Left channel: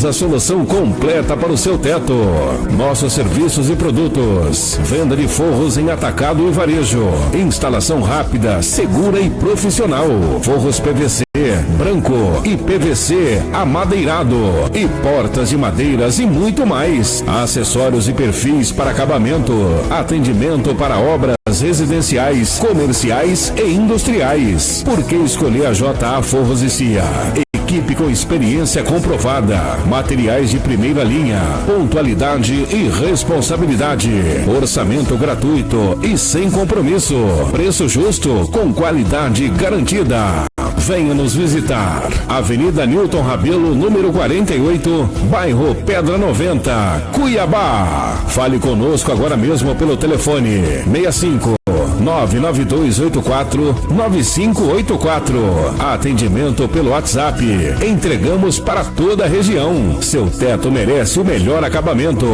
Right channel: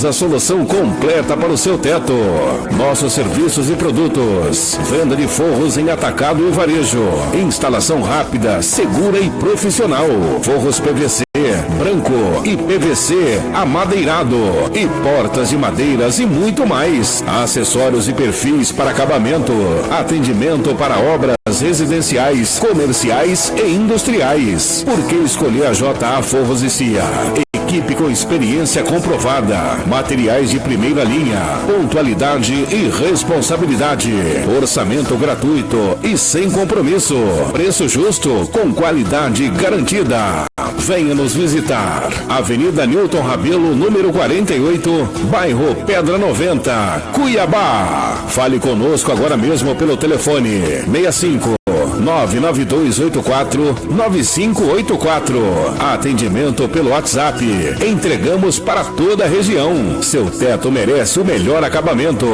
temos a solução completa para o seu teto. Nossos serviços e produtos: venda de forros em atacado e varejo, instalação rápida, segura e profissional, forros PVC, branco e PVC amadeirado e portas de madeiras e muito mais. Acessórios e perfis para acabamento, atendimento para obras residenciais, comerciais e industriais. Por que escolher a JA Forros e CIA? Equipe com experiência comprovada, materiais de primeira linha, pontualidade e responsabilidade, orçamento gratuito e sem compromisso, preço justo com qualidade garantida. Venha nos visitar. Avenida Newton Rabelo, número 48, bairro Pedra 90, Cuiabá. Fale conosco agora mesmo pelo telefone 65 99284-9584. Atendimento pelo WhatsApp. Entregamos para toda a região. Seu teto merece o melhor acabamento.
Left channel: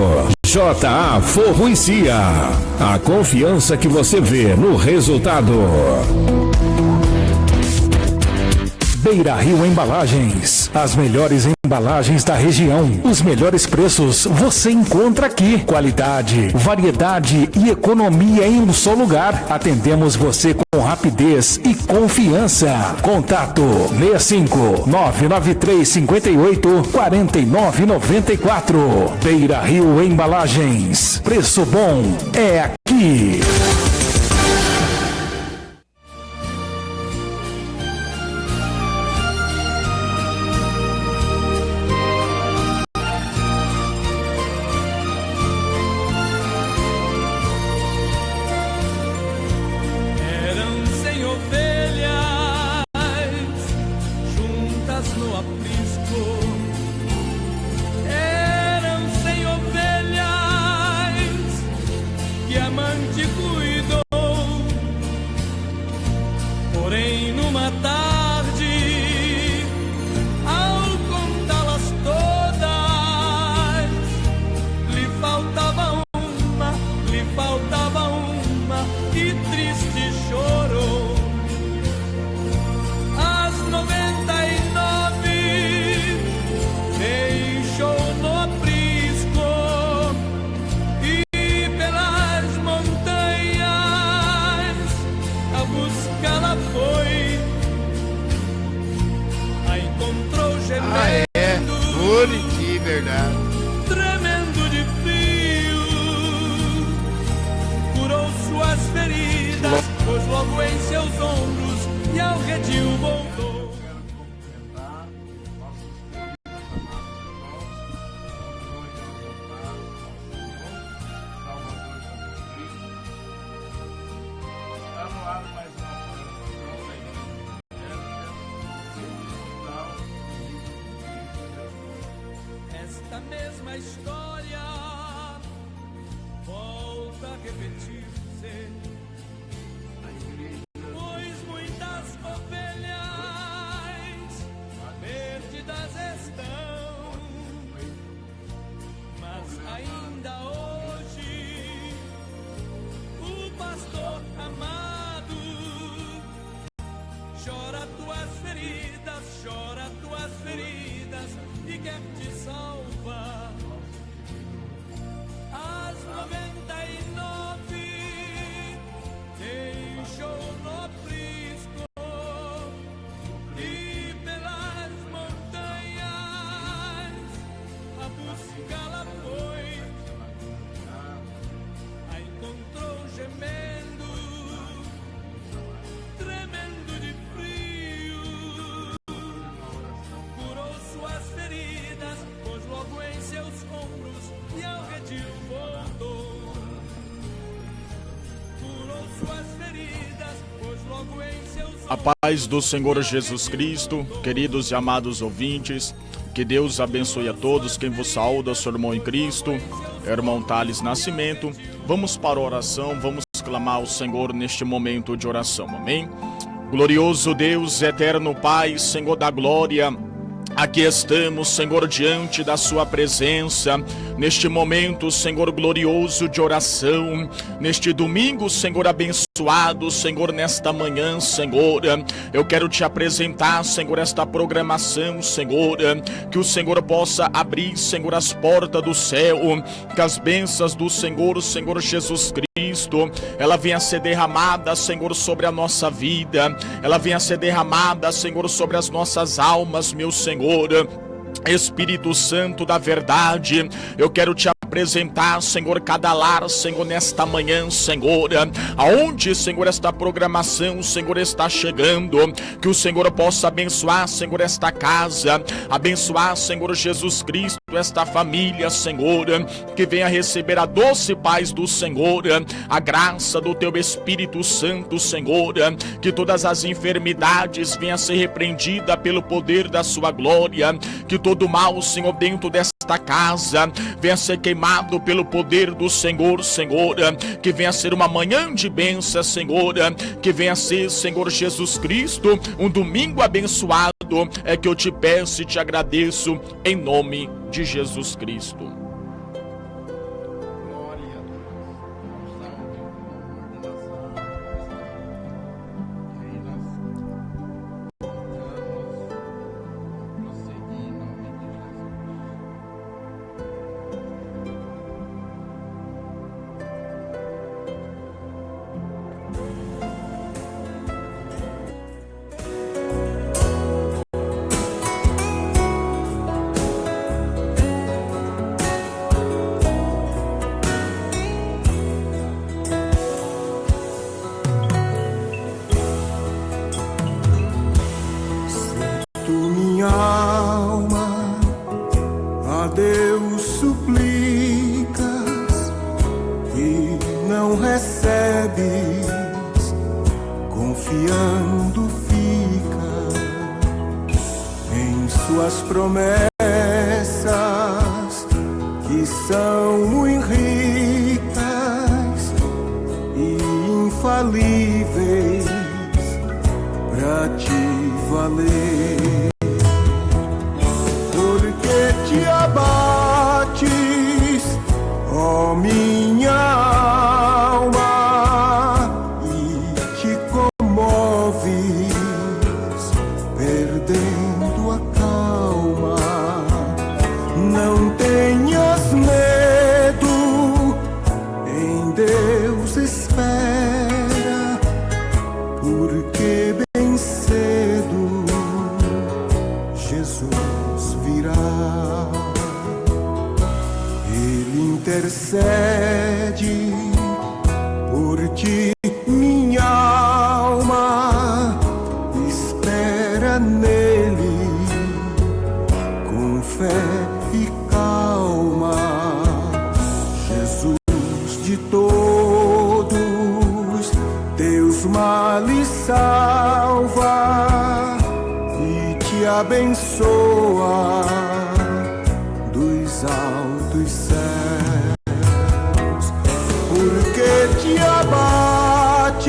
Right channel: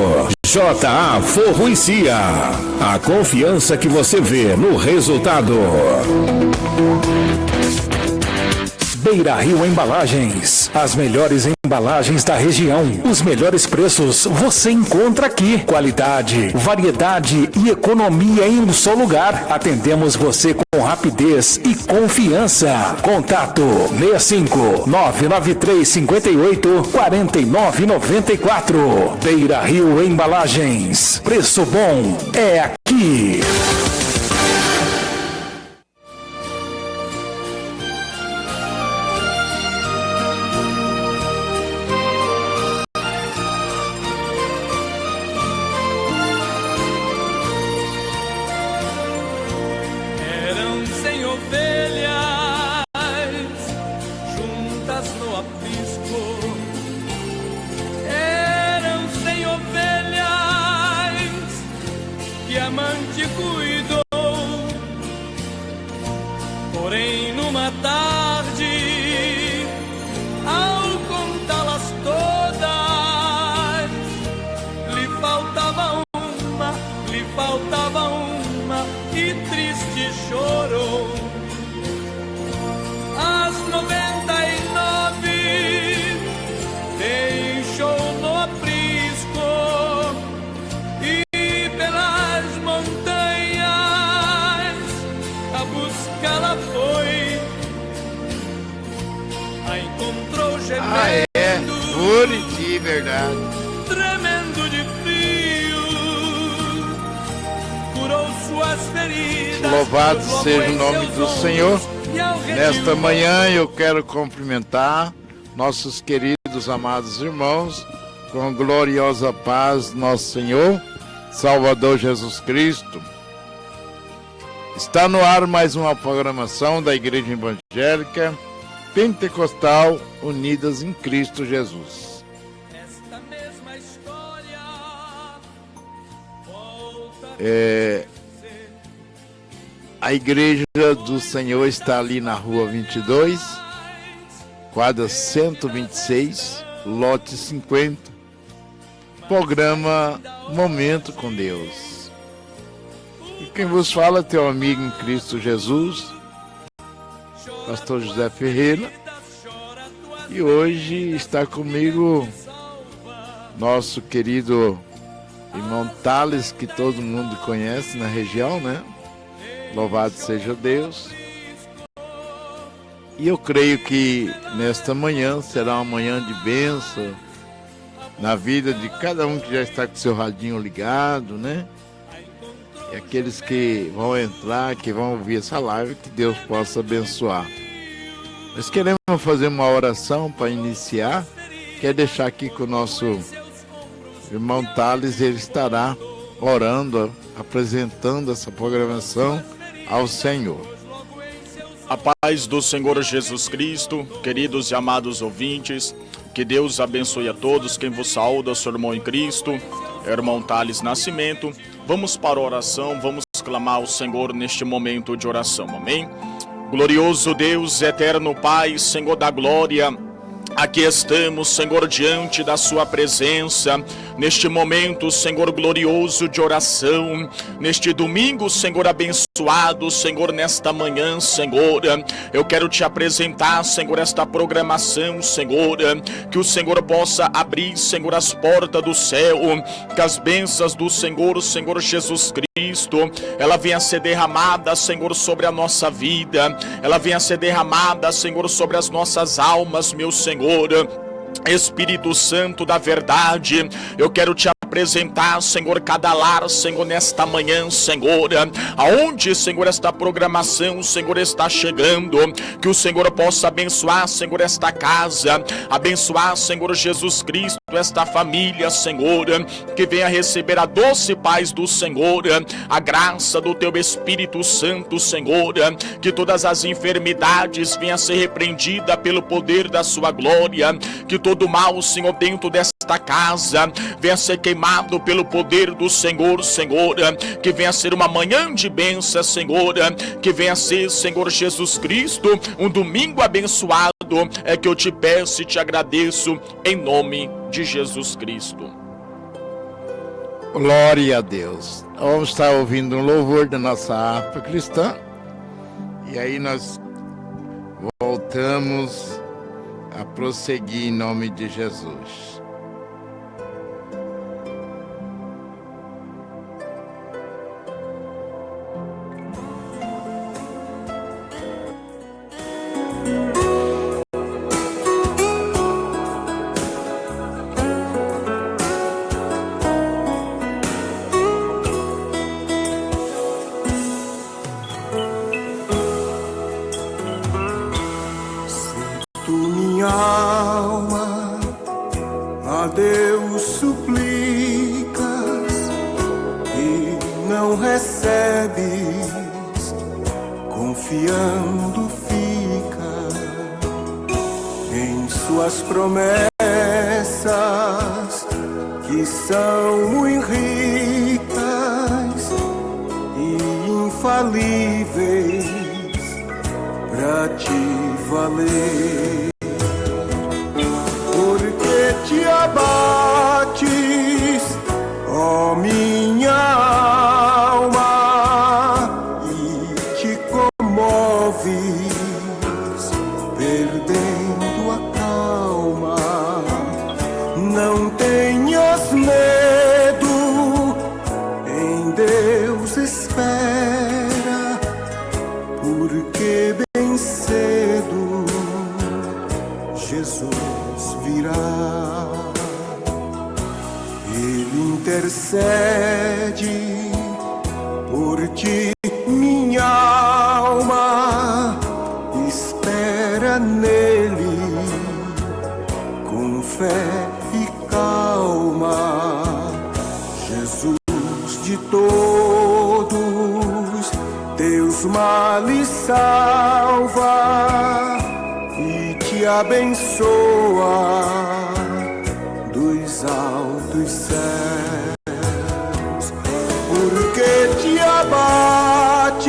JA Forro e CIA. A confiança que você vê no resultado. Beira Rio Embalagens, as melhores embalagens da região, os melhores preços você encontra aqui. Qualidade, variedade e economia em um só lugar. Atendemos você com rapidez e confiança. Contato 65 993 58 4994. Beira Rio Embalagens, preço bom é aqui. Porém, numa tarde, ao contá-las todas, lhe faltava uma, e triste chorou. As 99 deixou no aprisco e pelas montanhas a buscá-la foi. A encontrou gemendo, pura de verdade, tremendo de frio, curou suas feridas. Louvado seja o nome do Senhor. Nesta manhã eu quero cumprimentar nossos queridos amados irmãos com a gloriosa paz do nosso Senhor Salvador Jesus Cristo. Está no ar mais uma programação da Igreja Evangélica Pentecostal Unidas em Cristo Jesus. Esta mesma história volta a Igreja do Senhor está ali na Rua 22, quadra 126, lote 50, programa Momento com Deus. E quem vos fala é teu amigo em Cristo Jesus, Pastor José Ferreira, e hoje está comigo nosso querido irmão Thales, que todo mundo conhece na região, né? Louvado seja Deus. E eu creio que nesta manhã será uma manhã de bênção na vida de cada um que já está com seu radinho ligado, né? E aqueles que vão entrar, que vão ouvir essa live, que Deus possa abençoar. Nós queremos fazer uma oração para iniciar. Quer deixar aqui com o nosso irmão Thales, ele estará orando, apresentando essa programação ao Senhor. A paz do Senhor Jesus Cristo, queridos e amados ouvintes, que Deus abençoe a todos. Quem vos saúda, seu irmão em Cristo, irmão Thales Nascimento. Vamos para a oração, vamos clamar ao Senhor neste momento de oração, amém? Glorioso Deus, eterno Pai, Senhor da glória, Aqui estamos, Senhor, diante da sua presença, neste momento, Senhor, glorioso de oração, neste domingo, Senhor, abençoado, Senhor, nesta manhã, Senhor, eu quero te apresentar, Senhor, esta programação, Senhor, que o Senhor possa abrir, Senhor, as portas do céu, que as bênçãos do Senhor, Senhor Jesus Cristo, ela venha ser derramada, Senhor, sobre a nossa vida, ela venha ser derramada, Senhor, sobre as nossas almas, meu Senhor. Espírito Santo da verdade, eu quero te apresentar, Senhor, cada lar, Senhor, nesta manhã, Senhor, aonde, Senhor, esta programação, Senhor, está chegando, que o Senhor possa abençoar, Senhor, esta casa, abençoar, Senhor Jesus Cristo, esta família, Senhor, que venha receber a doce paz do Senhor, a graça do teu Espírito Santo, Senhor, que todas as enfermidades venham a ser repreendidas pelo poder da sua glória, que todo mal, Senhor, dentro desta casa venha ser queimado pelo poder do Senhor, Senhor, que venha ser uma manhã de bênção, Senhor, que venha ser, Senhor Jesus Cristo, um domingo abençoado, é que eu te peço e te agradeço em nome de Jesus Cristo. Glória a Deus. Vamos estar ouvindo um louvor da nossa harpa cristã, e aí nós voltamos a prosseguir em nome de Jesus. Alma, a Deus suplicas e não recebes, confiando fica em suas promessas que são muito ricas e infalíveis para te valer. Te abates, ó minha alma, e te comoves, perdendo a calma. Não tenhas medo, em Deus espera, porque bem cedo Jesus virá. Ele intercede por ti, minha alma, espera nele com fé e calma. Jesus de todos teus males salva e te abençoa dos altos céus. Porque te abates,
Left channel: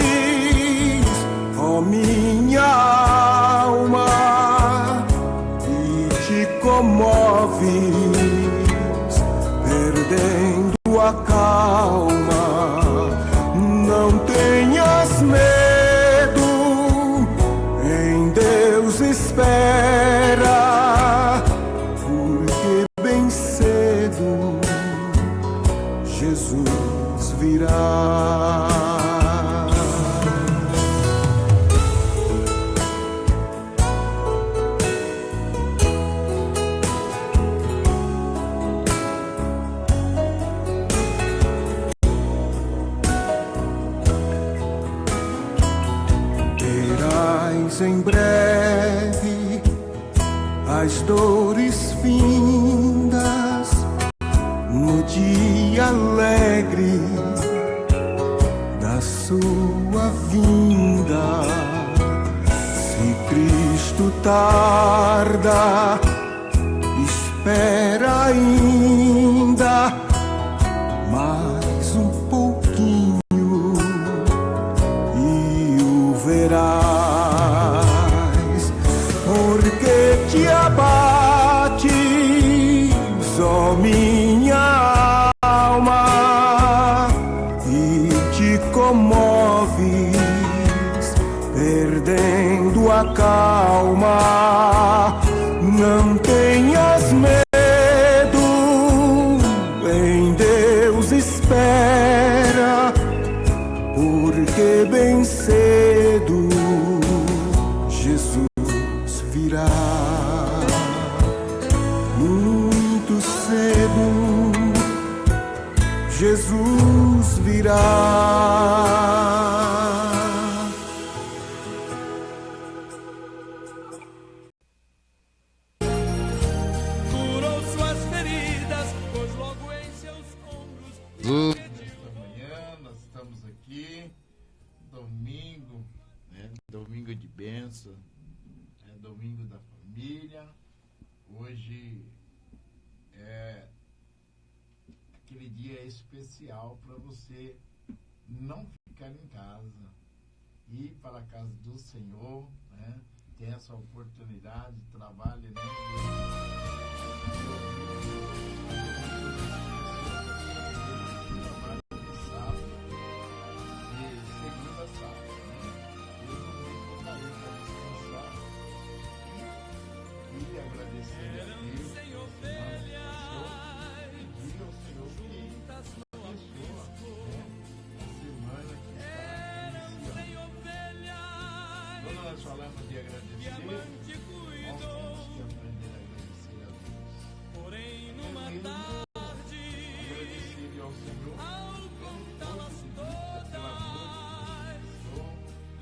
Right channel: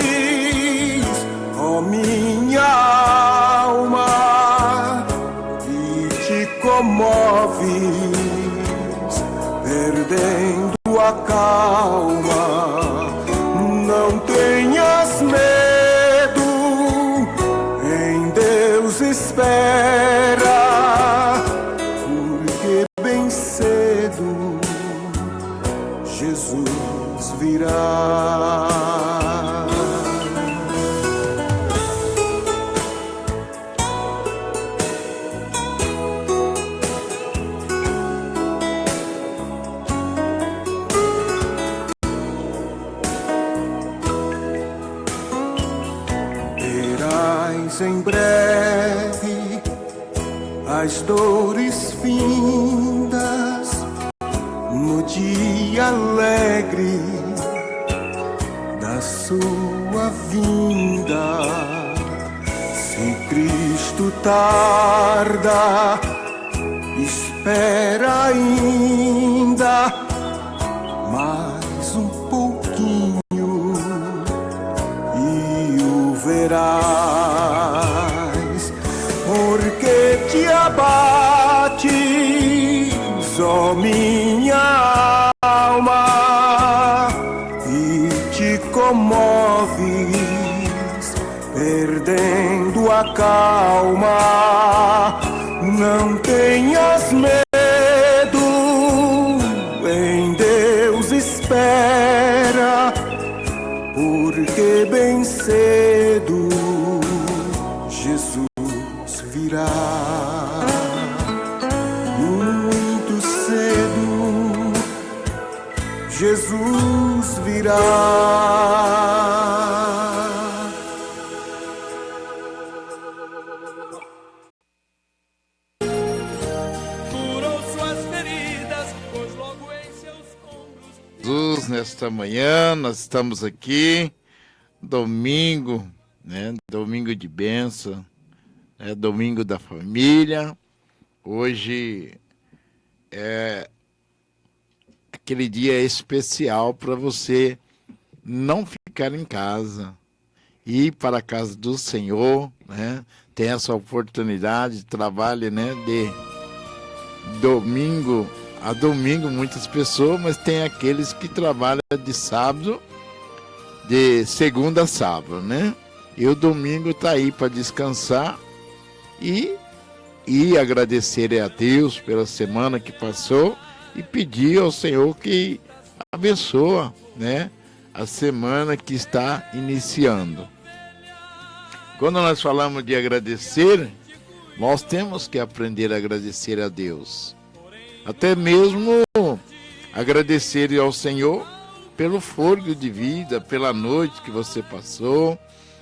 ó minha alma, e te comoves, perdendo a calma. Não tenhas medo, em Deus espera, porque bem cedo Jesus virá. Verás em breve as dores findas no dia alegre da sua vinda. Se Cristo tarda, espera ainda mais um pouquinho e o verás, porque te abates, ó minha alma, e te comoves, perdendo a calma. Não tenhas medo, em Deus espera, porque bem cedo Jesus virá. Muito cedo Jesus virá. Curou suas feridas, pois logo em seus ombros. Jesus, nesta manhã nós estamos aqui, domingo, né? Domingo de bênção, domingo da família. Hoje é aquele dia especial para você não ficar em casa, ir para a casa do Senhor, né? Tem essa oportunidade, trabalho, né? De domingo a domingo, muitas pessoas, mas tem aqueles que trabalham de sábado, de segunda a sábado, né? E o domingo tá aí para descansar e agradecer a Deus pela semana que passou e pedir ao Senhor que abençoa, né, a semana que está iniciando. Quando nós falamos de agradecer, nós temos que aprender a agradecer a Deus. Até mesmo agradecer ao Senhor pelo fôlego de vida, pela noite que você passou,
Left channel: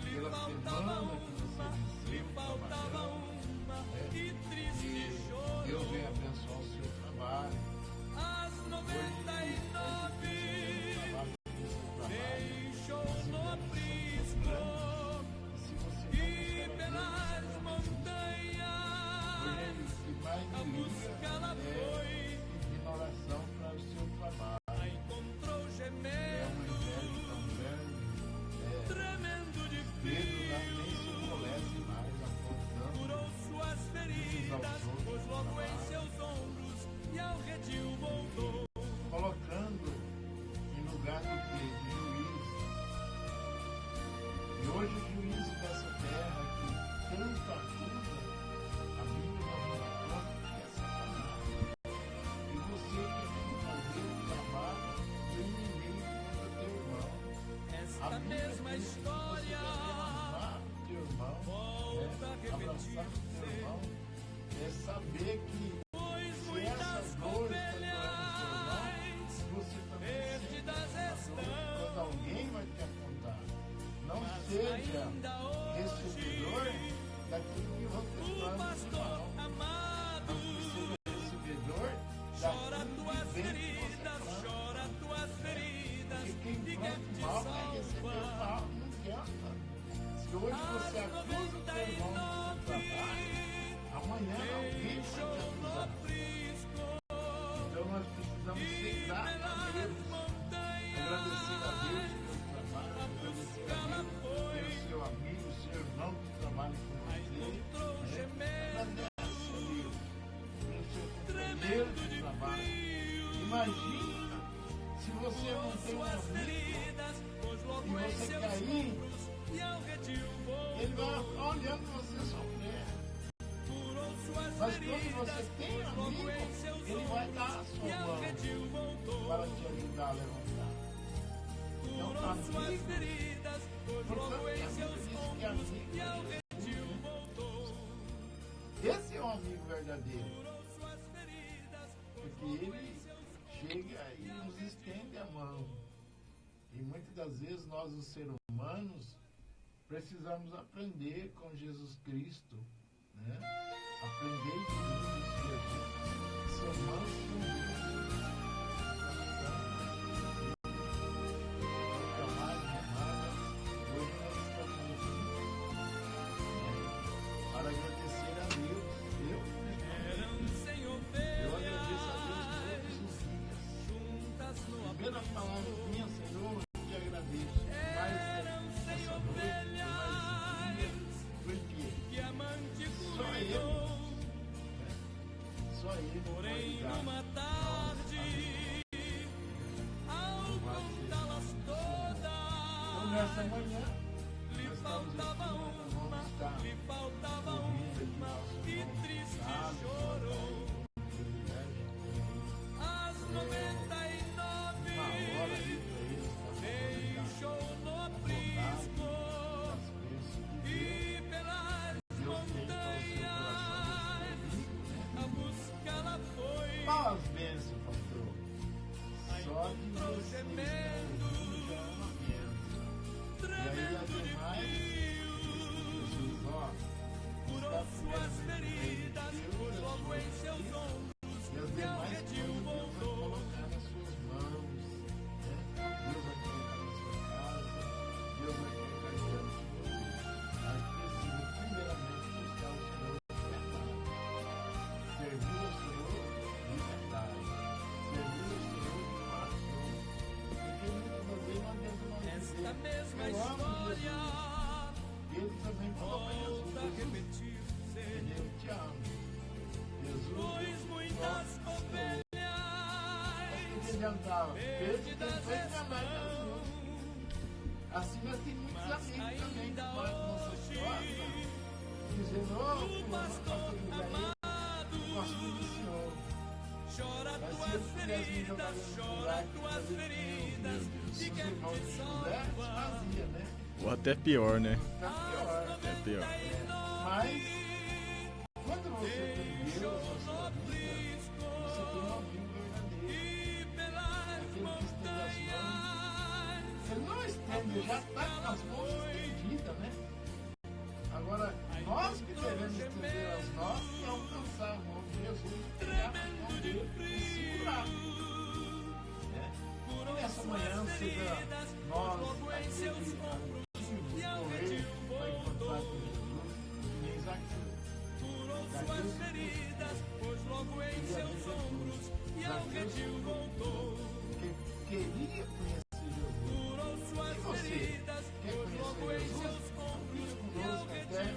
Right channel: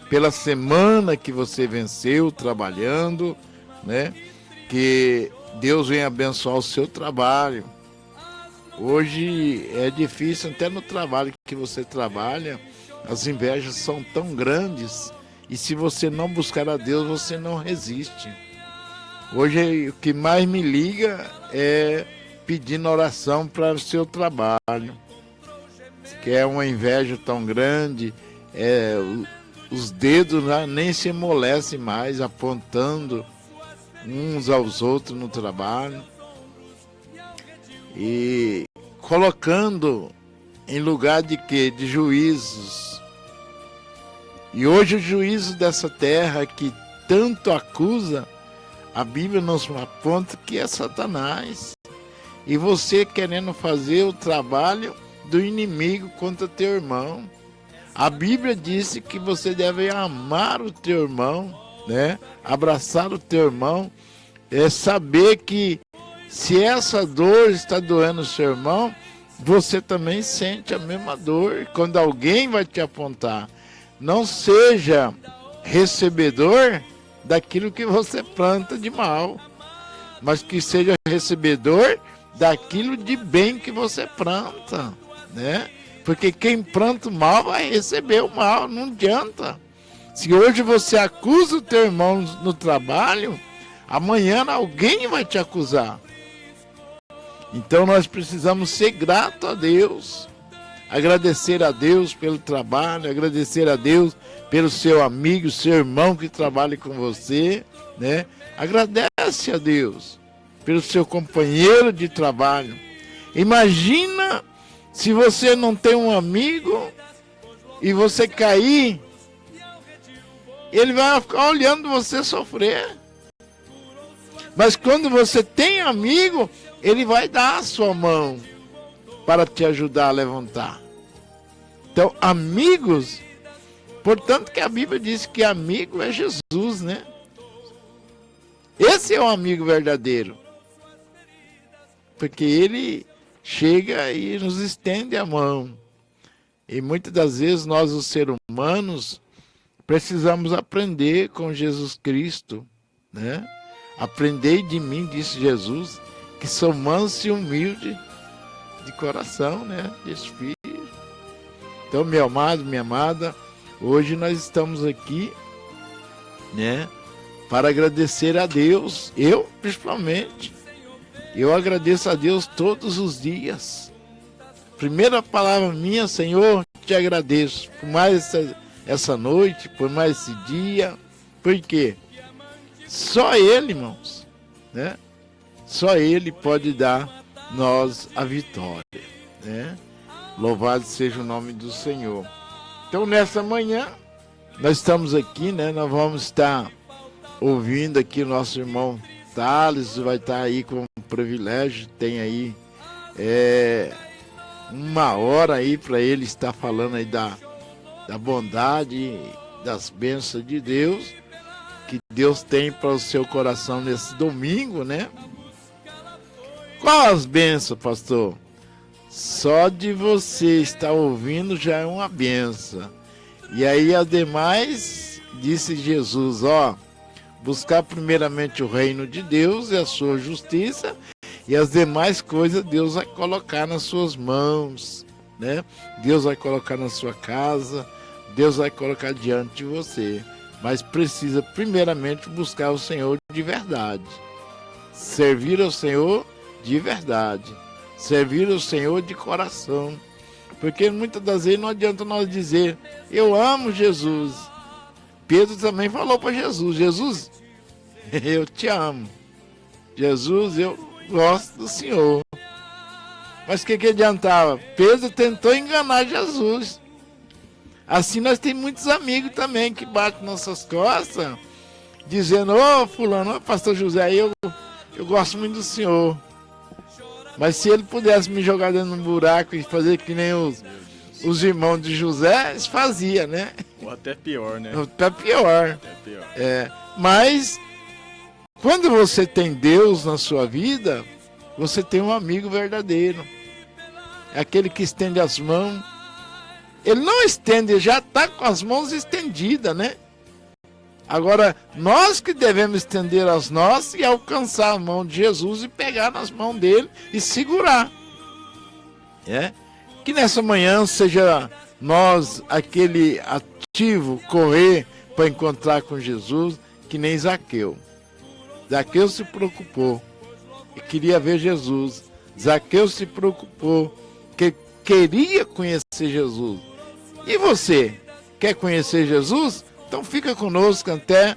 pela semana que você venceu trabalhando, né? Que Deus venha abençoar o seu trabalho. Hoje é difícil, até no trabalho que você trabalha, as invejas são tão grandes, e se você não buscar a Deus, você não resiste. Hoje o que mais me liga é pedindo oração para o seu trabalho, que é uma inveja tão grande, os dedos nem se amolecem mais, apontando uns aos outros no trabalho e colocando em lugar de quê? De juízos. E hoje o juízo dessa terra que tanto acusa, a Bíblia nos aponta que é Satanás. E você querendo fazer o trabalho do inimigo contra teu irmão. A Bíblia disse que você deve amar o teu irmão, né? Abraçar o teu irmão, saber que se essa dor está doendo o seu irmão, você também sente a mesma dor. Quando alguém vai te apontar, não seja recebedor daquilo que você planta de mal, mas que seja recebedor daquilo de bem que você planta, né? Porque quem planta o mal vai receber o mal, não adianta. Se hoje você acusa o teu irmão no trabalho, amanhã alguém vai te acusar. Então nós precisamos ser gratos a Deus, agradecer a Deus pelo trabalho, agradecer a Deus pelo seu amigo, seu irmão que trabalha com você, né? Agradece a Deus pelo seu companheiro de trabalho. Imagina se você não tem um amigo e você cair, ele vai ficar olhando você sofrer. Mas quando você tem amigo, ele vai dar a sua mão para te ajudar a levantar. Então, amigos, portanto que a Bíblia diz que amigo é Jesus, né? Esse é o amigo verdadeiro. Porque ele chega e nos estende a mão. E muitas das vezes nós, os seres humanos, precisamos aprender com Jesus Cristo, né? Aprendei de mim, disse Jesus, que sou manso e humilde de coração, né? De espírito. Então, meu amado, minha amada, hoje nós estamos aqui, né? Para agradecer a Deus. Eu, principalmente, eu agradeço a Deus todos os dias. Primeira palavra minha, Senhor, te agradeço por mais essa noite, por mais esse dia. Por quê? Só Ele, irmãos, né? Só Ele pode dar nós a vitória, né? Louvado seja o nome do Senhor. Então, nessa manhã, nós estamos aqui, né? Nós vamos estar ouvindo aqui o nosso irmão Thales, vai estar aí com um privilégio, tem aí 1 hora aí para ele estar falando aí da bondade, das bênçãos de Deus, que Deus tem para o seu coração nesse domingo, né? Qual as bênçãos, pastor? Só de você estar ouvindo já é uma bênção. E aí as demais, disse Jesus, buscar primeiramente o reino de Deus e a sua justiça, e as demais coisas Deus vai colocar nas suas mãos, né? Deus vai colocar na sua casa, Deus vai colocar diante de você. Mas precisa primeiramente buscar o Senhor de verdade. Servir ao Senhor de verdade. Servir ao Senhor de coração. Porque muitas das vezes não adianta nós dizer, eu amo Jesus. Pedro também falou para Jesus, Jesus, eu te amo. Jesus, eu gosto do Senhor. Mas o que adiantava? Pedro tentou enganar Jesus. Assim nós temos muitos amigos também que batem nossas costas, dizendo, fulano, pastor José, eu gosto muito do Senhor. Mas se ele pudesse me jogar dentro de um buraco e fazer que nem os irmãos de José, eles faziam, né? Ou até pior, né? Até pior. Até pior. Mas quando você tem Deus na sua vida, você tem um amigo verdadeiro. É aquele que estende as mãos. Ele não estende, já está com as mãos estendidas, né? Agora, nós que devemos estender as nossas e alcançar a mão de Jesus e pegar nas mãos dele e segurar. Que nessa manhã seja nós aquele ativo, correr para encontrar com Jesus, que nem Zaqueu. Zaqueu se preocupou e queria ver Jesus. Zaqueu se preocupou, que queria conhecer Jesus. E você, quer conhecer Jesus? Então fica conosco até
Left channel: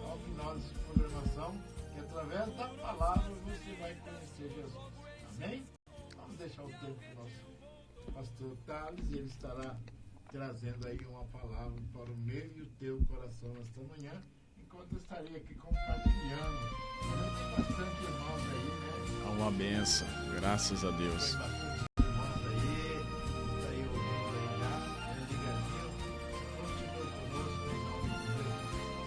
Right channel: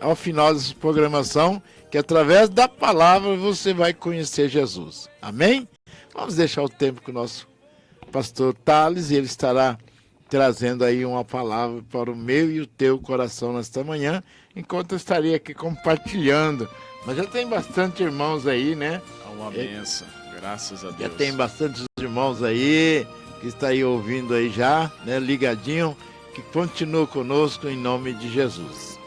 ao final dessa programação, que através da palavra você vai conhecer Jesus. Amém? Vamos deixar o tempo com o nosso pastor Thales, e ele estará trazendo aí uma palavra para o meu e o teu coração nesta manhã, enquanto eu estaria aqui compartilhando. Mas já tem bastante irmãos aí, né? Uma benção, graças a Deus. Já tem bastantes irmãos aí, que está aí ouvindo aí já, né? Ligadinho, que continua conosco em nome de Jesus.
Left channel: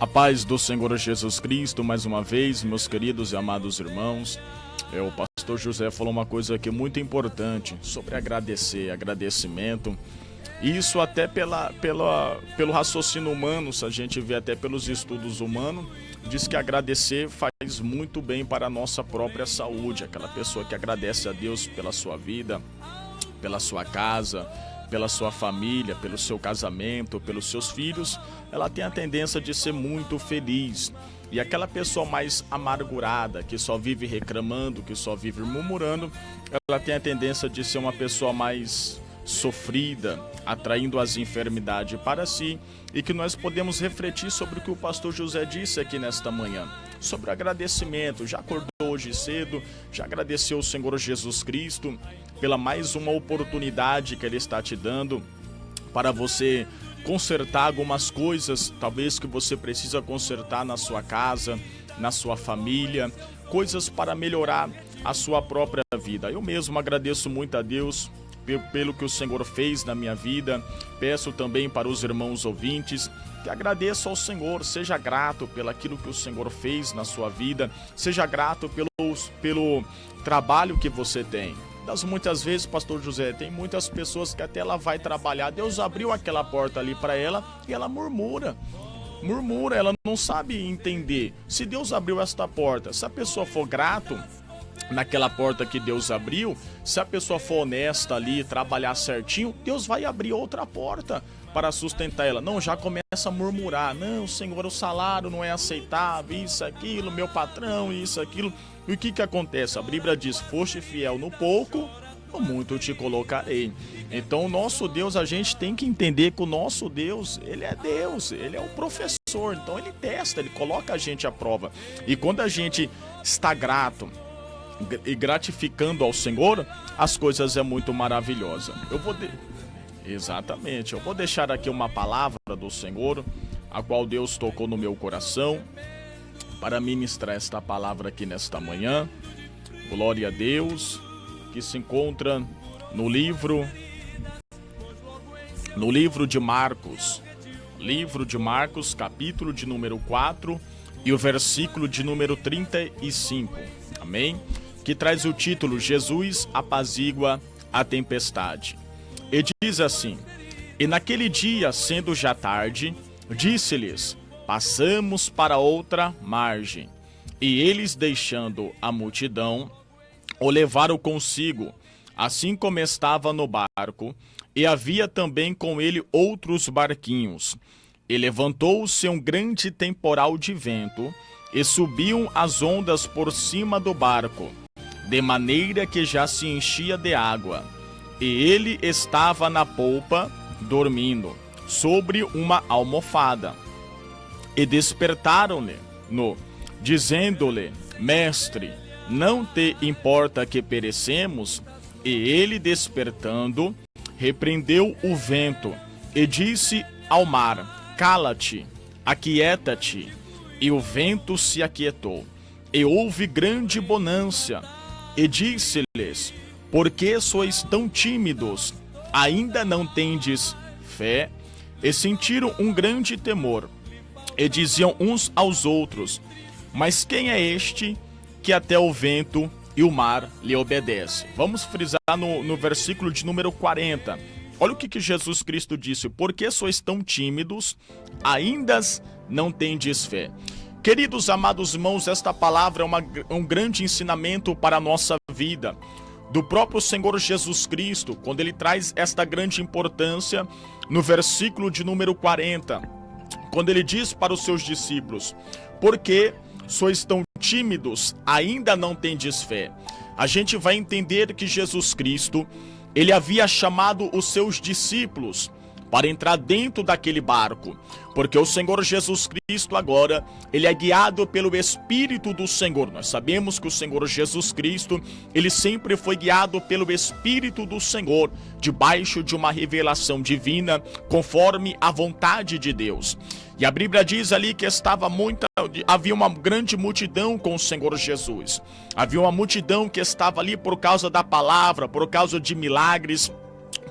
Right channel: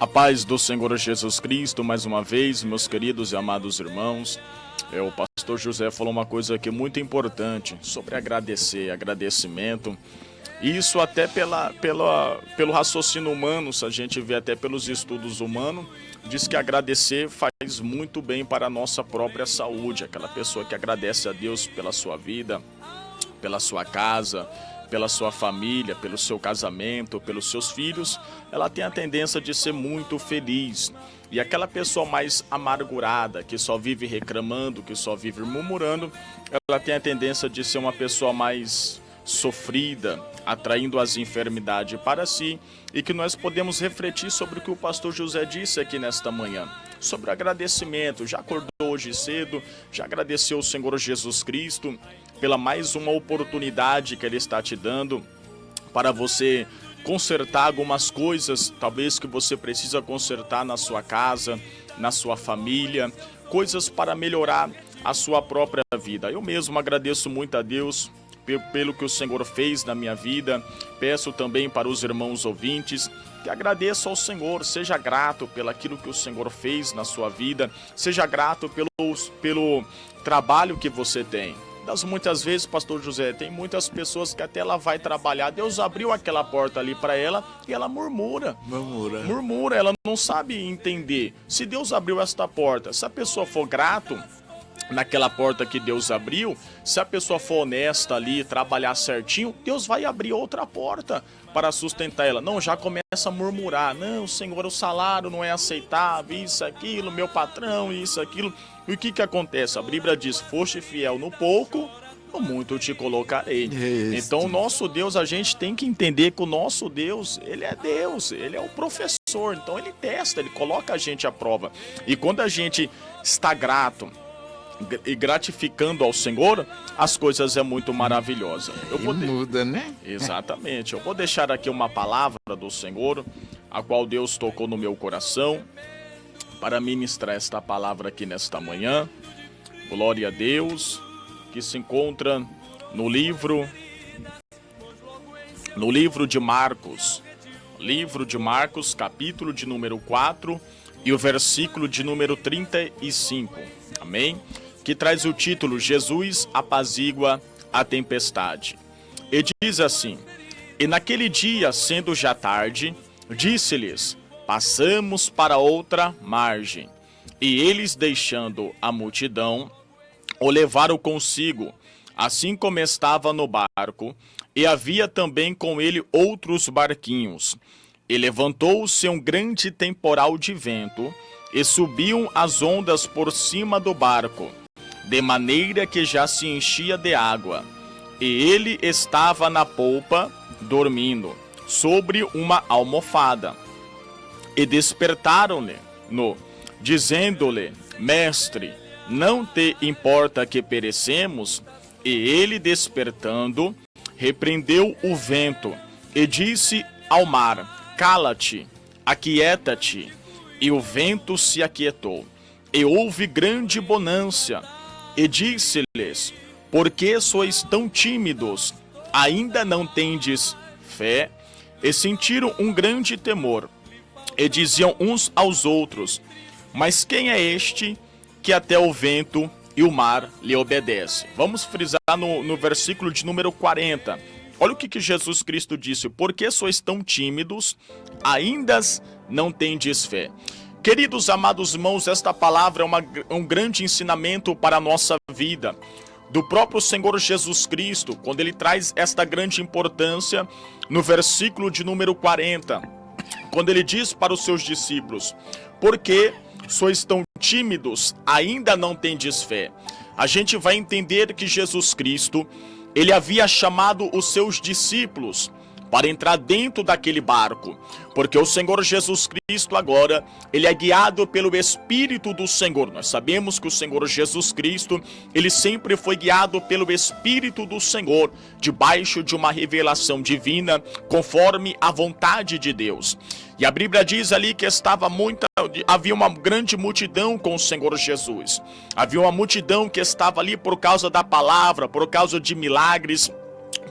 A paz do Senhor Jesus Cristo, mais uma vez, meus queridos e amados irmãos. O pastor José falou uma coisa aqui muito importante sobre agradecimento. Isso até pelo raciocínio humano, se a gente vê até pelos estudos humanos, diz que agradecer faz muito bem para a nossa própria saúde. Aquela pessoa que agradece a Deus pela sua vida, pela sua casa, pela sua família, pelo seu casamento, pelos seus filhos, ela tem a tendência de ser muito feliz. E aquela pessoa mais amargurada, que só vive reclamando, que só vive murmurando, ela tem a tendência de ser uma pessoa mais sofrida, atraindo as enfermidades para si, e que nós podemos refletir sobre o que o pastor José disse aqui nesta manhã, sobre o agradecimento. Já acordou hoje cedo, já agradeceu ao Senhor Jesus Cristo pela mais uma oportunidade que Ele está te dando para você consertar algumas coisas, talvez que você precisa consertar na sua casa, na sua família, coisas para melhorar a sua própria vida. Eu mesmo agradeço muito a Deus pelo que o Senhor fez na minha vida. Peço também para os irmãos ouvintes que agradeçam ao Senhor, seja grato pelo aquilo que o Senhor fez na sua vida, seja grato pelo trabalho que você tem. Das muitas vezes, pastor José, tem muitas pessoas que até ela vai trabalhar, Deus abriu aquela porta ali para ela e ela murmura, ela não sabe entender. Se Deus abriu esta porta, se a pessoa for grato naquela porta que Deus abriu, se a pessoa for honesta ali, trabalhar certinho, Deus vai abrir outra porta para sustentar ela. Não, já começa a murmurar, não, Senhor, o salário não é aceitável, isso, aquilo, meu patrão, isso, aquilo. E o que acontece? A Bíblia diz, foste fiel no pouco, no muito te colocarei. Então o nosso Deus, a gente tem que entender que o nosso Deus, Ele é Deus, Ele é o professor, então Ele testa, Ele coloca a gente à prova. E quando a gente está grato, e gratificando ao Senhor, as coisas é muito maravilhosa. Muda, né? Exatamente. Eu vou deixar aqui uma palavra do Senhor, a qual Deus tocou no meu coração, para ministrar esta palavra aqui nesta manhã. Glória a Deus, que se encontra no livro de Marcos. Livro de Marcos, capítulo de número 4 e o versículo de número 35. Amém? Que traz o título Jesus apazigua a tempestade. E diz assim: E naquele dia, sendo já tarde, disse-lhes: Passamos para outra margem. E eles, deixando a multidão, o levaram consigo, assim como estava no barco, e havia também com ele outros barquinhos. E levantou-se um grande temporal de vento, e subiam as ondas por cima do barco, de maneira que já se enchia de água. E ele estava na polpa, dormindo, sobre uma almofada. E despertaram-lhe, dizendo-lhe: Mestre, não te importa que perecemos? E ele, despertando, repreendeu o vento e disse ao mar: Cala-te, aquieta-te. E o vento se aquietou, e houve grande bonança. E disse-lhes: Por que sois tão tímidos? Ainda não tendes fé? E sentiram um grande temor, e diziam uns aos outros: Mas quem é este que até o vento e o mar lhe obedece? Vamos frisar no versículo de número 40. Olha o que Jesus Cristo disse: Por que sois tão tímidos? Ainda não tendes fé. Queridos amados irmãos, esta palavra é um grande ensinamento para a nossa vida. Do próprio Senhor Jesus Cristo, quando ele traz esta grande importância no versículo de número 40. Quando ele diz para os seus discípulos: Por que sois tão tímidos? Ainda não tendes fé. A gente vai entender que Jesus Cristo, ele havia chamado os seus discípulos para entrar dentro daquele barco, porque o Senhor Jesus Cristo agora, ele é guiado pelo Espírito do Senhor. Nós sabemos que o Senhor Jesus Cristo, ele sempre foi guiado pelo Espírito do Senhor, debaixo de uma revelação divina, conforme a vontade de Deus. E a Bíblia diz ali que havia uma grande multidão com o Senhor Jesus. Havia uma multidão que estava ali por causa da palavra, por causa de milagres,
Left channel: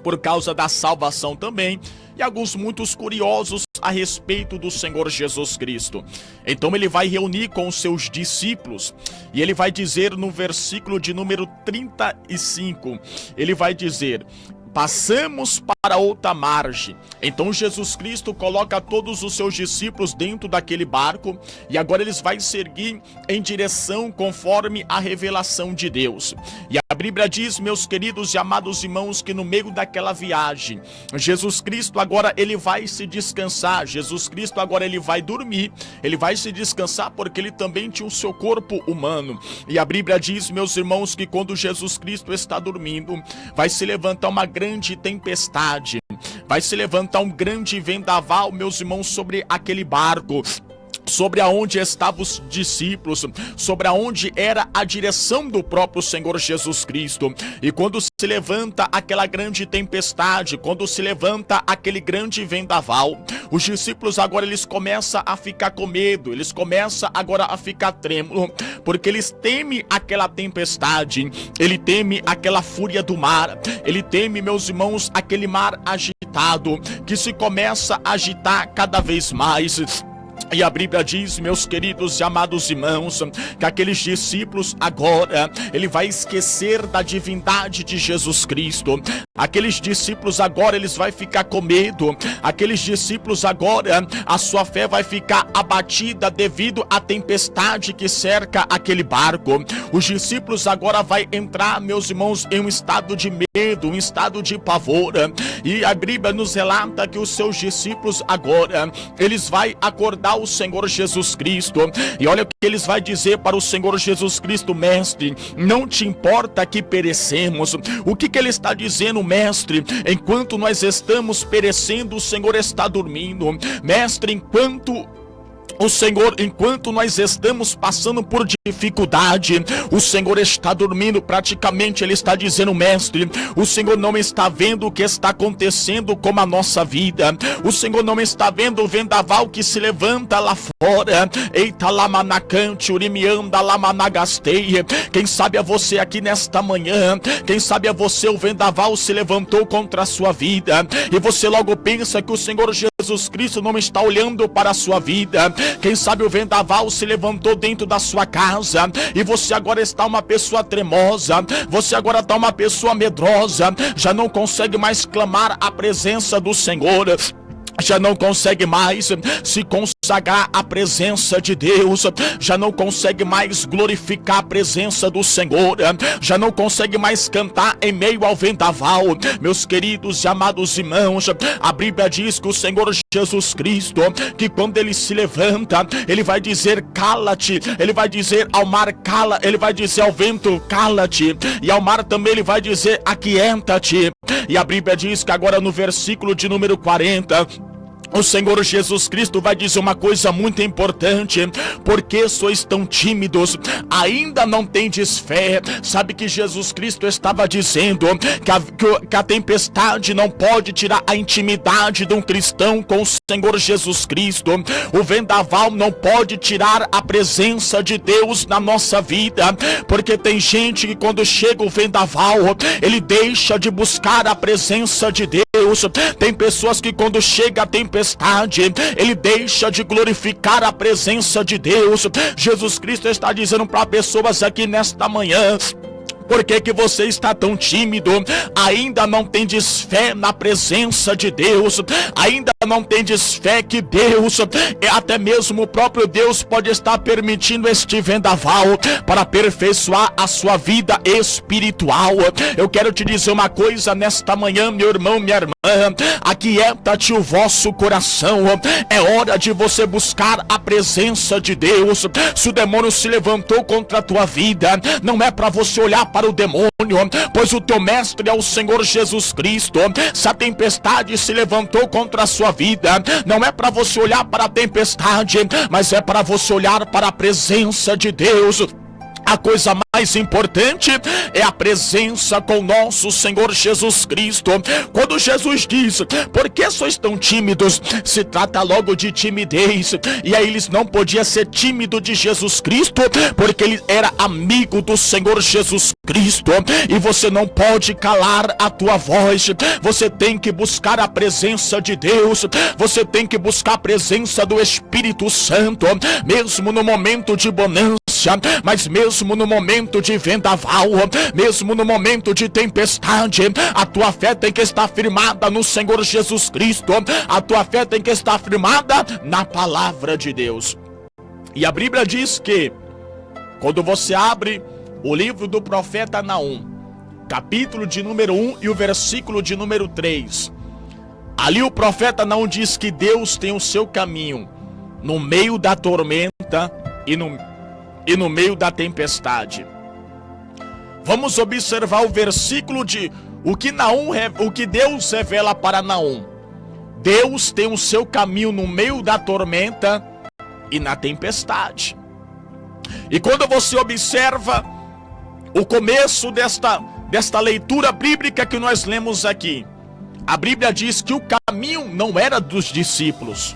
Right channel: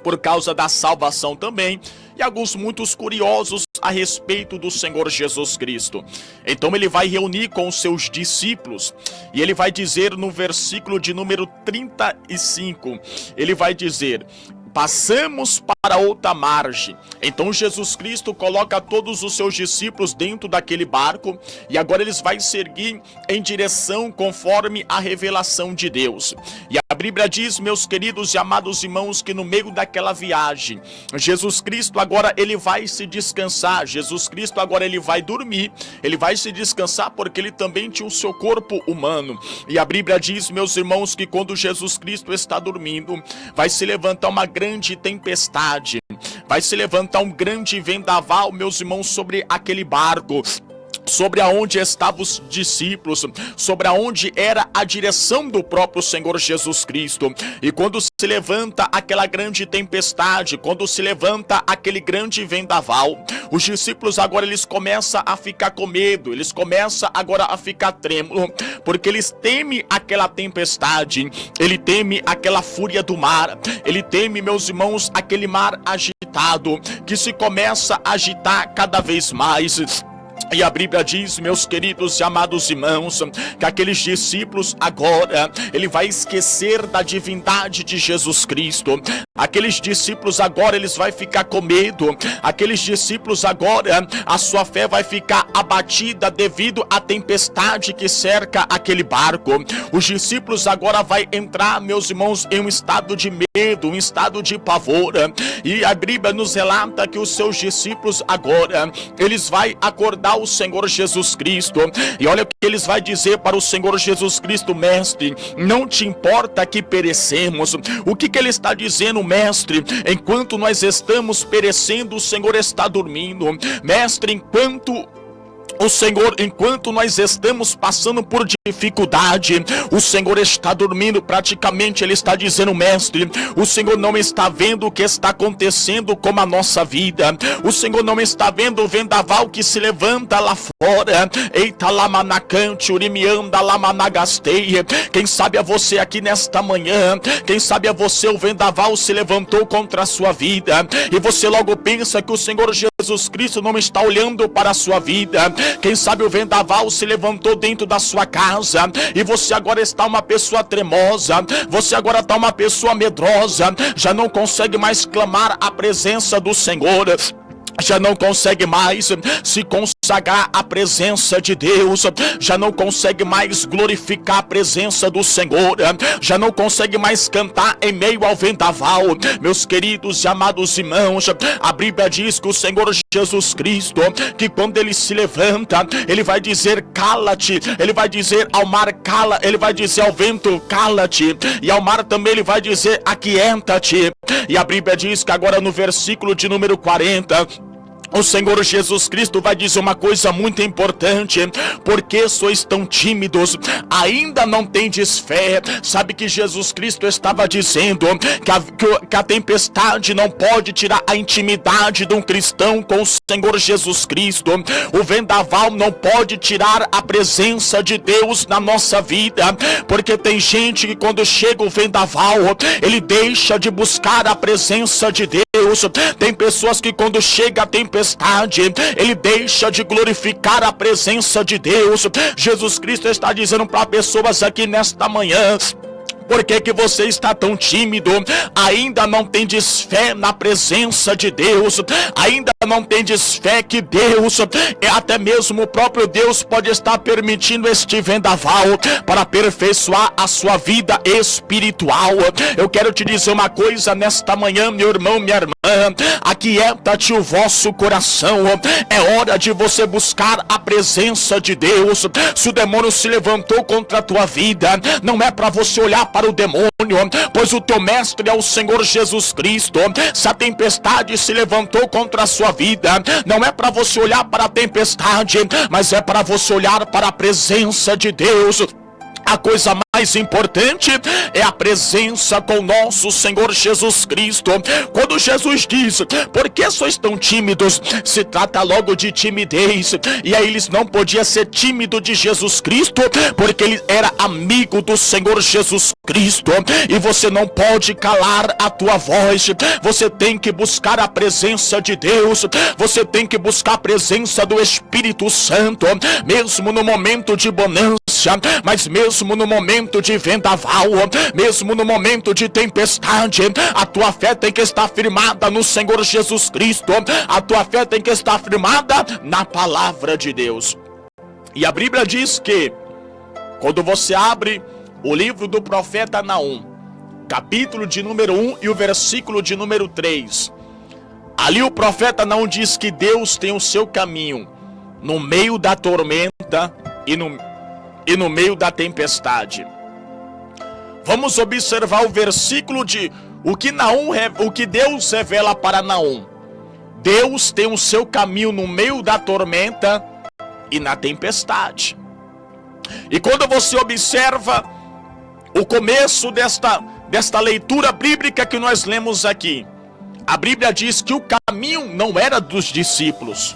por causa da salvação também, e alguns muitos curiosos a respeito do Senhor Jesus Cristo. Então ele vai reunir com os seus discípulos, e ele vai dizer no versículo de número 35, ele vai dizer: Passamos para outra margem. Então Jesus Cristo coloca todos os seus discípulos dentro daquele barco, e agora eles vão seguir em direção conforme a revelação de Deus. E a Bíblia diz, meus queridos e amados irmãos, que no meio daquela viagem, Jesus Cristo agora ele vai se descansar. Jesus Cristo agora ele vai dormir, ele vai se descansar, porque ele também tinha o seu corpo humano. E a Bíblia diz, meus irmãos, que quando Jesus Cristo está dormindo, vai se levantar uma grande tempestade, vai se levantar um grande vendaval, meus irmãos, sobre aquele barco, sobre aonde estavam os discípulos, sobre aonde era a direção do próprio Senhor Jesus Cristo. E quando se levanta aquela grande tempestade, quando se levanta aquele grande vendaval, os discípulos agora eles começam a ficar com medo, eles começam agora a ficar trêmulos, porque eles temem aquela tempestade, ele teme aquela fúria do mar, ele teme, meus irmãos, aquele mar agitado, que se começa a agitar cada vez mais. E a Bíblia diz, meus queridos e amados irmãos, que aqueles discípulos agora, ele vai esquecer da divindade de Jesus Cristo. Aqueles discípulos agora, eles vão ficar com medo. Aqueles discípulos agora, a sua fé vai ficar abatida devido à tempestade que cerca aquele barco. Os discípulos agora vão entrar, meus irmãos, em um estado de medo, um estado de pavor. E a Bíblia nos relata que os seus discípulos agora, eles vão acordar o Senhor Jesus Cristo, e olha o que eles vão dizer para o Senhor Jesus Cristo: Mestre, não te importa que perecemos? O que ele está dizendo, Mestre? Enquanto nós estamos perecendo, o Senhor está dormindo. Mestre, enquanto O Senhor, enquanto nós estamos passando por dificuldade, o Senhor está dormindo, praticamente Ele está dizendo: mestre, o Senhor não está vendo o que está acontecendo com a nossa vida, o Senhor não está vendo o vendaval que se levanta lá fora. Eita lamanacante, urimianda lamanagasteia. Quem sabe é você aqui nesta manhã, quem sabe é você, o vendaval se levantou contra a sua vida, e você logo pensa que o Senhor Jesus Cristo não está olhando para a sua vida. Quem sabe o vendaval se levantou dentro da sua casa e você agora está uma pessoa tremosa, você agora está uma pessoa medrosa, já não consegue mais clamar a presença do Senhor, já não consegue mais se consagrar à presença de Deus, já não consegue mais glorificar a presença do Senhor, já não consegue mais cantar em meio ao vendaval. Meus queridos e amados irmãos, a Bíblia diz que o Senhor Jesus Cristo, que quando Ele se levanta, Ele vai dizer: cala-te, Ele vai dizer ao mar: cala, Ele vai dizer ao vento: cala-te, e ao mar também Ele vai dizer: aquieta-te. E a Bíblia diz que agora no versículo de número 40, o Senhor Jesus Cristo vai dizer uma coisa muito importante: por que sois tão tímidos? Ainda não tendes fé? Sabe que Jesus Cristo estava dizendo que a tempestade não pode tirar a intimidade de um cristão com o Senhor Jesus Cristo. O vendaval não pode tirar a presença de Deus na nossa vida, porque tem gente que quando chega o vendaval, ele deixa de buscar a presença de Deus. Tem pessoas que quando chega a tempestade, ele deixa de glorificar a presença de Deus. Jesus Cristo está dizendo para pessoas aqui nesta manhã: por que você está tão tímido? Ainda não tendes fé na presença de Deus? Ainda não tendes fé que Deus, até mesmo o próprio Deus, pode estar permitindo este vendaval para aperfeiçoar a sua vida espiritual? Eu quero te dizer uma coisa nesta manhã, meu irmão, minha irmã: aquieta-te o vosso coração. É hora de você buscar a presença de Deus. Se o demônio se levantou contra a tua vida, não é para você olhar para o demônio, pois o teu mestre é o Senhor Jesus Cristo. Se a tempestade se levantou contra a sua vida, não é para você olhar para a tempestade, mas é para você olhar para a presença de Deus. A coisa mais importante é a presença com nosso Senhor Jesus Cristo. Quando Jesus diz: por que sois tão tímidos? Se trata logo de timidez. E aí eles não podiam ser tímidos de Jesus Cristo, porque ele era amigo do Senhor Jesus Cristo. E você não pode calar a tua voz. Você tem que buscar a presença de Deus. Você tem que buscar a presença do Espírito Santo, mesmo no momento de bonança, mas mesmo no momento de vendaval, mesmo no momento de tempestade, a tua fé tem que estar firmada no Senhor Jesus Cristo. A tua fé tem que estar firmada na palavra de Deus. E a Bíblia diz que quando você abre o livro do profeta Naum, capítulo de número 1 e o versículo de número 3, ali o profeta Naum diz que Deus tem o seu caminho no meio da tormenta e no meio da tempestade. Vamos observar o versículo de o que Deus revela para Naum. Deus tem o seu caminho no meio da tormenta e na tempestade. E quando você observa o começo desta leitura bíblica que nós lemos aqui, a Bíblia diz que o caminho não era dos discípulos.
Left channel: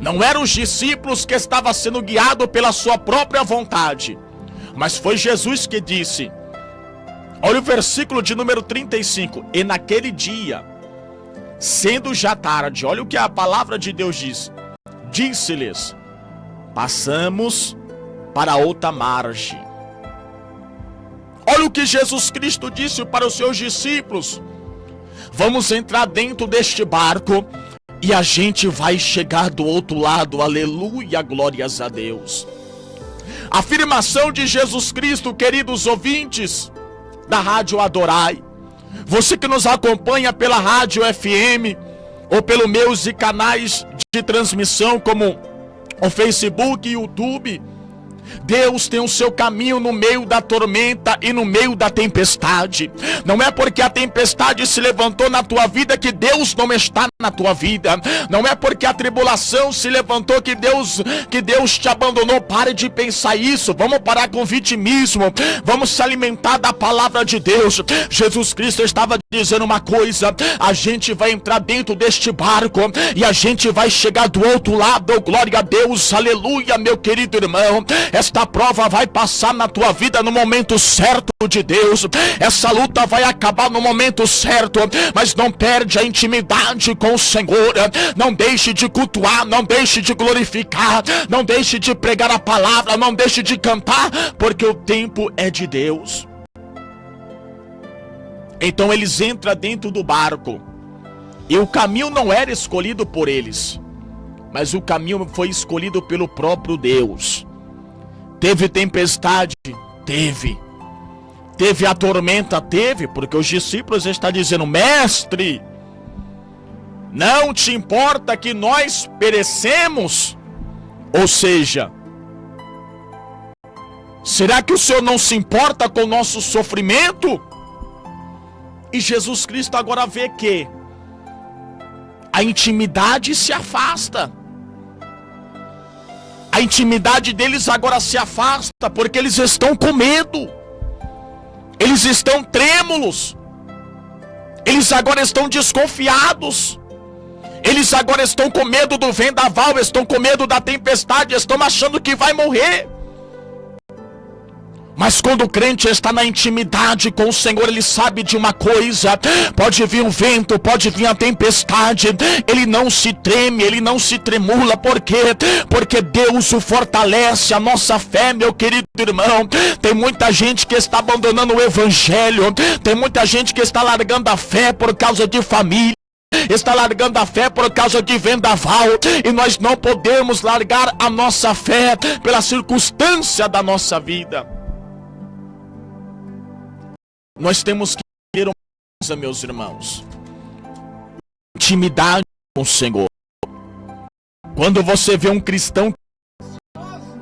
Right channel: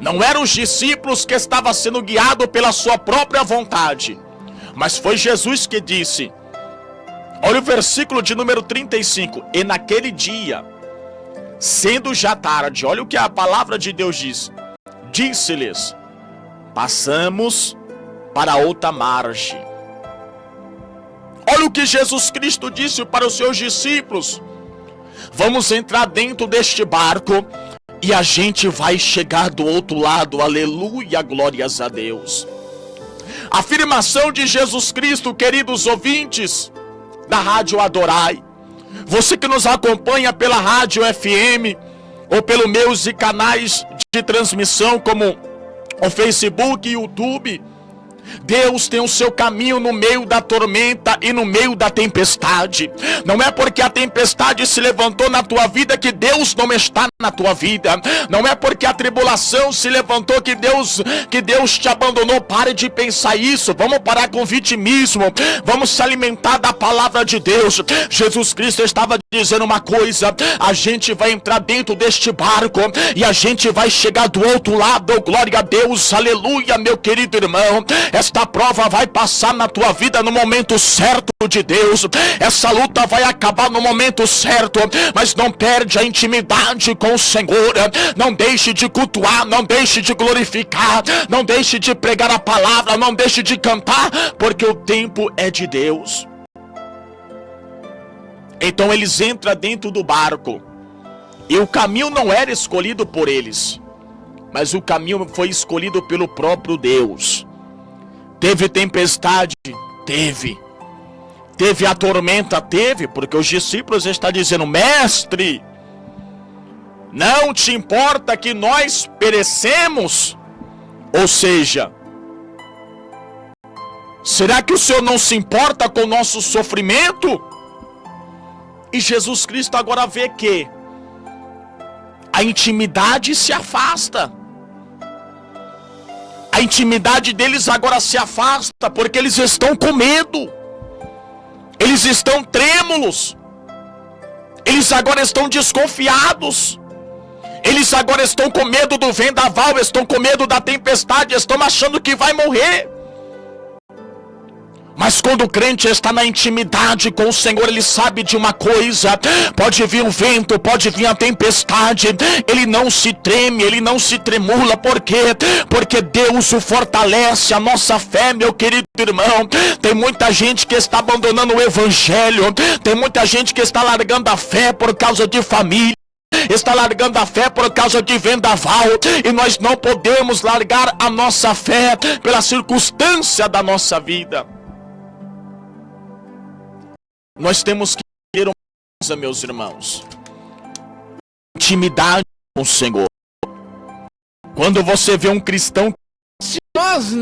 Não eram os discípulos que estavam sendo guiados pela sua própria vontade, mas foi Jesus que disse. Olha o versículo de número 35. E naquele dia, sendo já tarde, olha o que a palavra de Deus diz. Disse-lhes: passamos para outra margem. Olha o que Jesus Cristo disse para os seus discípulos: vamos entrar dentro deste barco e a gente vai chegar do outro lado. Aleluia, glórias a Deus. Afirmação de Jesus Cristo, queridos ouvintes da Rádio Adorai. Você que nos acompanha pela Rádio FM ou pelos meus canais de transmissão como o Facebook e YouTube. Deus tem o seu caminho no meio da tormenta e no meio da tempestade. Não é porque a tempestade se levantou na tua vida que Deus não está na tua vida. Não é porque a tribulação se levantou que Deus te abandonou. Pare de pensar isso. Vamos parar com o vitimismo. Vamos se alimentar da palavra de Deus. Jesus Cristo estava dizendo uma coisa: a gente vai entrar dentro deste barco e a gente vai chegar do outro lado. Glória a Deus, aleluia, meu querido irmão. Esta prova vai passar na tua vida no momento certo de Deus. Essa luta vai acabar no momento certo, mas não perde a intimidade com o Senhor. Não deixe de cultuar, não deixe de glorificar, não deixe de pregar a palavra, não deixe de cantar, porque o tempo é de Deus. Então eles entram dentro do barco, e o caminho não era escolhido por eles, mas o caminho foi escolhido pelo próprio Deus. Teve tempestade? Teve. Teve a tormenta? Teve, porque os discípulos estão dizendo: mestre, não te importa que nós perecemos? Ou seja, será que o Senhor não se importa com o nosso sofrimento? E Jesus Cristo agora vê que a intimidade se afasta. A intimidade deles agora se afasta, porque eles estão com medo. Eles estão trêmulos. Eles agora estão desconfiados. Eles agora estão com medo do vendaval, estão com medo da tempestade, estão achando que vai morrer. Mas quando o crente está na intimidade com o Senhor, ele sabe de uma coisa: pode vir o vento, pode vir a tempestade, ele não se treme, ele não se tremula. Por quê? Porque Deus o fortalece, a nossa fé, meu querido irmão. Tem muita gente que está abandonando o evangelho, tem muita gente que está largando a fé por causa de família, está largando a fé por causa de vendaval, e nós não podemos largar a nossa fé pela circunstância da nossa vida. Nós temos que ter uma coisa, meus irmãos: intimidade com o Senhor. Quando você vê um cristão, Se nós